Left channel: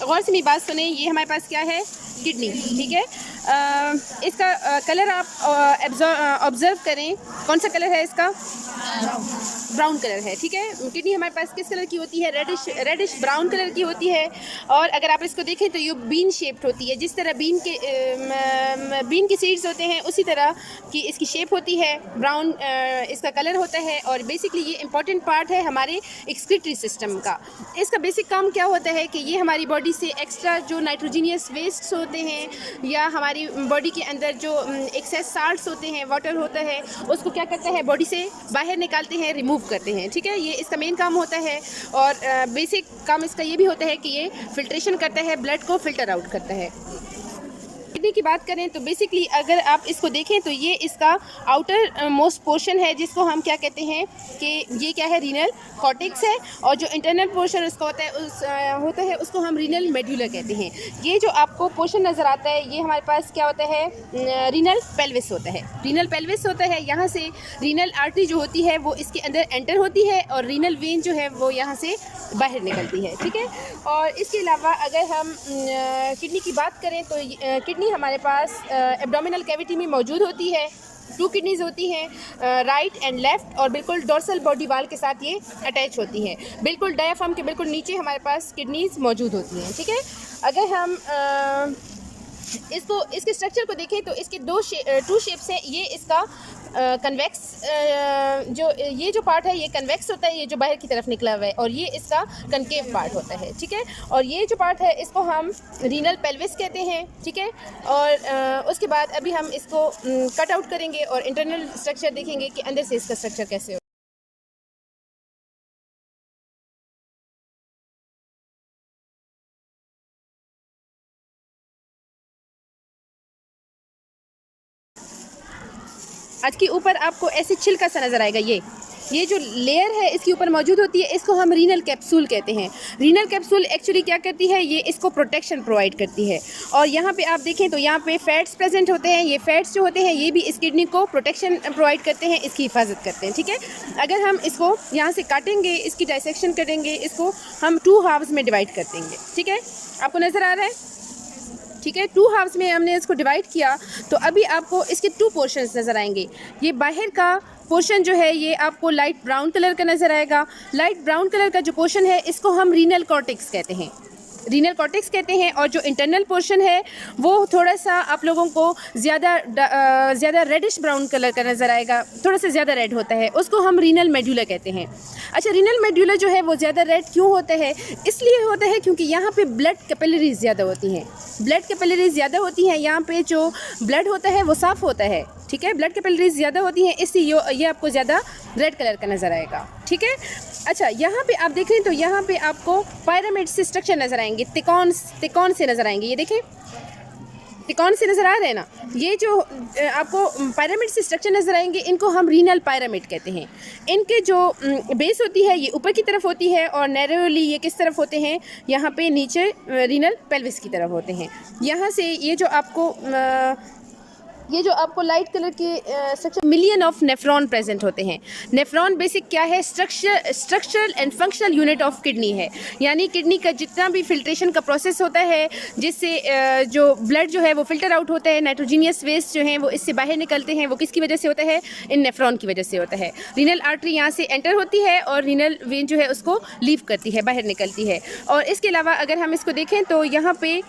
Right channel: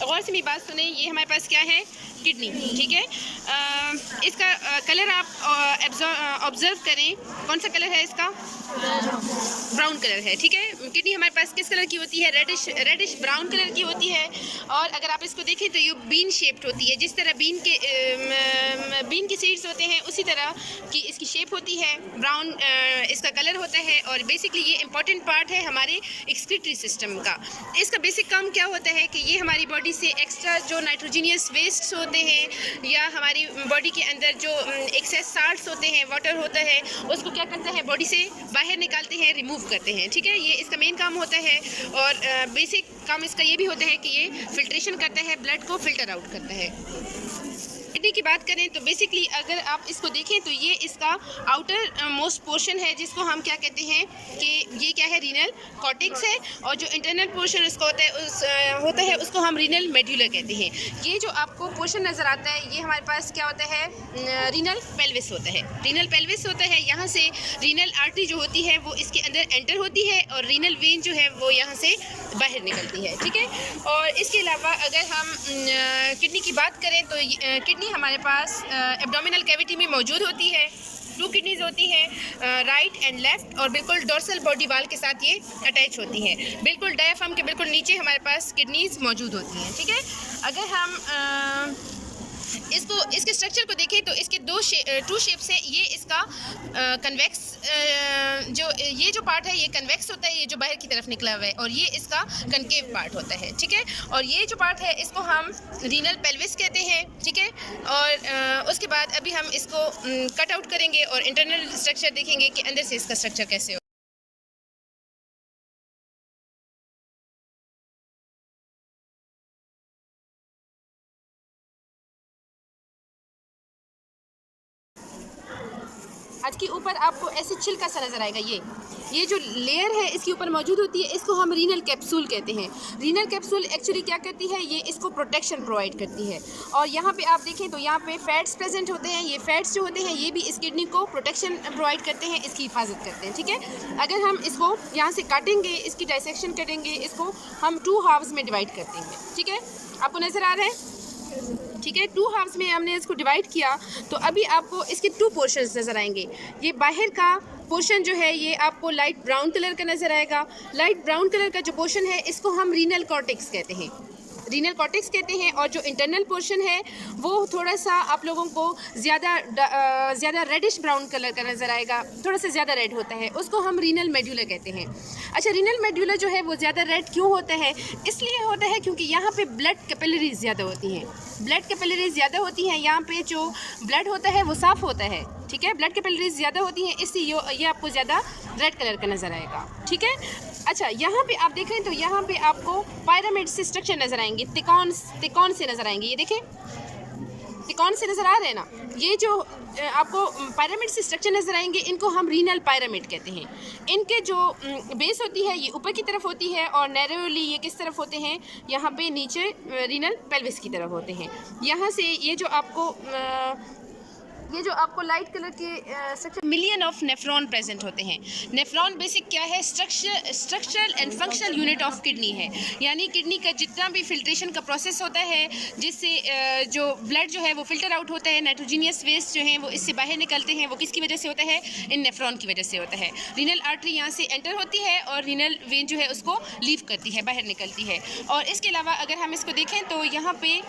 गौर से मेरी बात सुने, ये हमारे पास क्या है, किडनी, ठीक है। इसका कलर आप ऑब्जर्व करें, कौन सा कलर है इसका, ब्राउन कलर है, ठीक है। किडनी हमारे पास किस कलर की होती है, रेडिश ब्राउन कलर की होती है। और अगर आप इसको देखें तो ये बीन शेप्ड होती है, जिस तरह बीन के सीड्स होते हैं उसी तरह की इसकी शेप होती है, ब्राउन इसका कलर होता है। और बेसिकली ये इंपॉर्टेंट पार्ट है हमारे एक्सक्रीटरी सिस्टम का। इसका बेसिक काम क्या होता है कि ये हमारी बॉडी से एक्स्ट्रा जो नाइट्रोजीनियस वेस्ट होते हैं या हमारी बॉडी के अंदर जो एक्सेस साल्ट्स होते हैं, वाटर होता है, उसको क्या करता है, बॉडी से बाहर निकालते हैं, रिमूव करते हैं, ठीक है। ये इसका मेन काम होता है। और बेसिक काम इसका ये भी होता है कि ये फिल्ट्रेशन करता है, ब्लड को फिल्टर आउट करता है। किडनी की बात करें तो बेसिकली अगर आप इसको देखें तो ये इसका आउटर मोस्ट पोर्शन है, जिसको हम क्या कहते हैं कि ये क्या है, रीनल कॉर्टेक्स है। और जो इंटरनल पोर्शन उसको होता है उसको हम रीनल मेड्यूला कहते हैं। ये जो आपको पोर्शन नज़र आता है ये हमारे पास क्या होता है, रीनल पेल्विस होता है। रीनल पेल्विस होता है, यहाँ से रीनल आर्टरी जो होती है वो इसके अंदर एंटर होती है और रीनल वेन जो है वो यहाँ से बाहर निकलती है, ठीक है। और इसके अलावा अगर हम किडनी की बात करें तो किडनी हमारे पास एब्डोमिनल कैविटी में मौजूद होती है। 2 किडनीज होती हैं, राइट एंड लेफ्ट, और बिल्कुल डोर्सल बॉडी वाल के साथ ये अटैच होती हैं। बिल्कुल डायफ्राम के बिल्कुल नीचे हमारे पास किडनीज मौजूद होती हैं, ठीक है। अगर हम इसके स्ट्रक्चर को देखें तो इसके 2 शेप्स हैं। ये इसका कन्वेक्स ये जो पार्ट है ये कन्वेक्स होता है, ये जो बाहर की तरफ निकला हुआ है, और ये इसका कनकेव पार्ट होता है, ठीक है। और ये जो पार्ट है इसको हम रीनल पेल्विस कहते हैं, ठीक है। और उसके बाद अभी हम इसको कट आउट करेंगे और इंटरनल स्ट्रक्चर देखेंगे कि अंदर से इसका स्ट्रक्चर कैसे हो। आज के ऊपर आपको ऐसे छिलका सा नज़र आएगा। ये जो लेयर है इसके ऊपर मौजूद होती है, इसको हम रीनल कैप्सूल कहते हैं। रीनल कैप्सूल एक्चुअली क्या करती है, ये इसको प्रोटेक्शन प्रोवाइड करती है। और यहाँ पे आप देखें तो यहाँ पे फैट्स प्रेजेंट होते हैं। ये फैट्स जो होते हैं ये भी इस किडनी को प्रोटेक्शन प्रोवाइड करते हैं, इसकी हिफाजत करते हैं, ठीक है। अगर हम इसको यहाँ से काटेंगे, इसकी डाइसेक्शन करेंगे, इसको हम 2 हाफ्स में डिवाइड कर देंगे, ठीक है। आपको नज़र आ रहा है, ठीक है। 2 हाफ्स में हमने इसको डिवाइड किया तो अभी आपको इसके 2 पोर्शंस नज़र आएंगे। ये बाहर का पोर्शन जो है ये आपको लाइट ब्राउन कलर का नज़र आएगा। लाइट ब्राउन कलर का जो पोर्शन है इसको हम रीनल कॉर्टेक्स कहते हैं, रीनल कॉर्टेक्स कहते हैं। और जो इंटरनल पोर्शन है वो थोड़ा सा आप लोगों को ज़्यादा रेडिश ब्राउन कलर का नज़र आएगा, थोड़ा सा ज़्यादा रेड होता है, उसको हम रीनल मेड्यूला कहते हैं। अच्छा, रीनल मेड्यूला जो है वो ज़्यादा रेड क्यों होता है, इसलिए होता है क्योंकि यहाँ पे ब्लड कैपिलरीज ज़्यादा होती हैं। ब्लड कैपिलरीज ज़्यादा होती हैं, यहाँ पे जो ब्लड होता है वो साफ़ होता है, ठीक है। ब्लड कैपिलरीज ज़्यादा होती हैं, इसलिए ये आपको ज़्यादा रेड कलर का नज़र आएगा, ठीक है। अच्छा, यहाँ पे आप देखें तो यहाँ पे आपको पिरामिड से स्ट्रक्चर नज़र आएंगे, तिकोन से नज़र आएंगे। ये देखें, तिकोन से नज़र आ रहे हैं ना, ये जो आपको पिरामिड से स्ट्रक्चर नज़र आएंगे इनको हम रीनल पिरामिड कहते हैं। इनके जो बेस होती है ये ऊपर की तरफ होती है और नैरोली ये किस तरफ होते हैं, यहाँ पे नीचे रीनल पेल्विस की तरफ होते हैं। यहाँ से ये जो आपको लाइट कलर के structure, million of nephron present होते हैं। नेफ्रॉन बेसिक क्या है, structural and functional unit of kidney है। यानी किडनी का जितना भी फिल्ट्रेशन का प्रोसेस होता है, जिससे जो ब्लड जो है वो फिल्टर आउट होता है, नाइट्रोजीनियस वेस्ट जो हैं वो इससे बाहर निकलते हैं, वो किसकी वजह से होता है, इन नेफ्रॉन की वजह से होता है। रीनल आर्टरी यहाँ से एंटर होती है और रीनल वेन जो है उसको लीव करती है, बाहर निकलती है। और इसके अलावा अगर हम इसको देखें तो यहाँ पे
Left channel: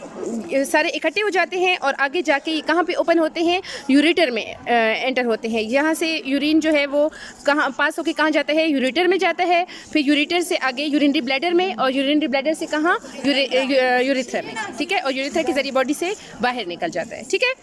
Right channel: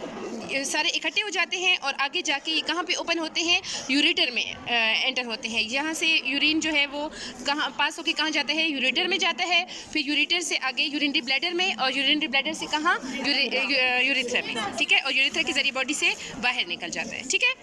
सारे इकट्ठे हो जाते हैं और आगे जाके ये कहाँ पे ओपन होते हैं, यूरेटर में एंटर होते हैं। यहाँ से यूरिन जो है वो कहाँ पास होके कहाँ जाता है, यूरेटर में जाता है, फिर यूरेटर से आगे यूरिनरी ब्लैडर में, और यूरिनरी ब्लैडर से कहाँ, यूरेथ्रा में, ठीक है। और यूरेथ्रा के जरिए बॉडी से बाहर निकल जाता है, ठीक है।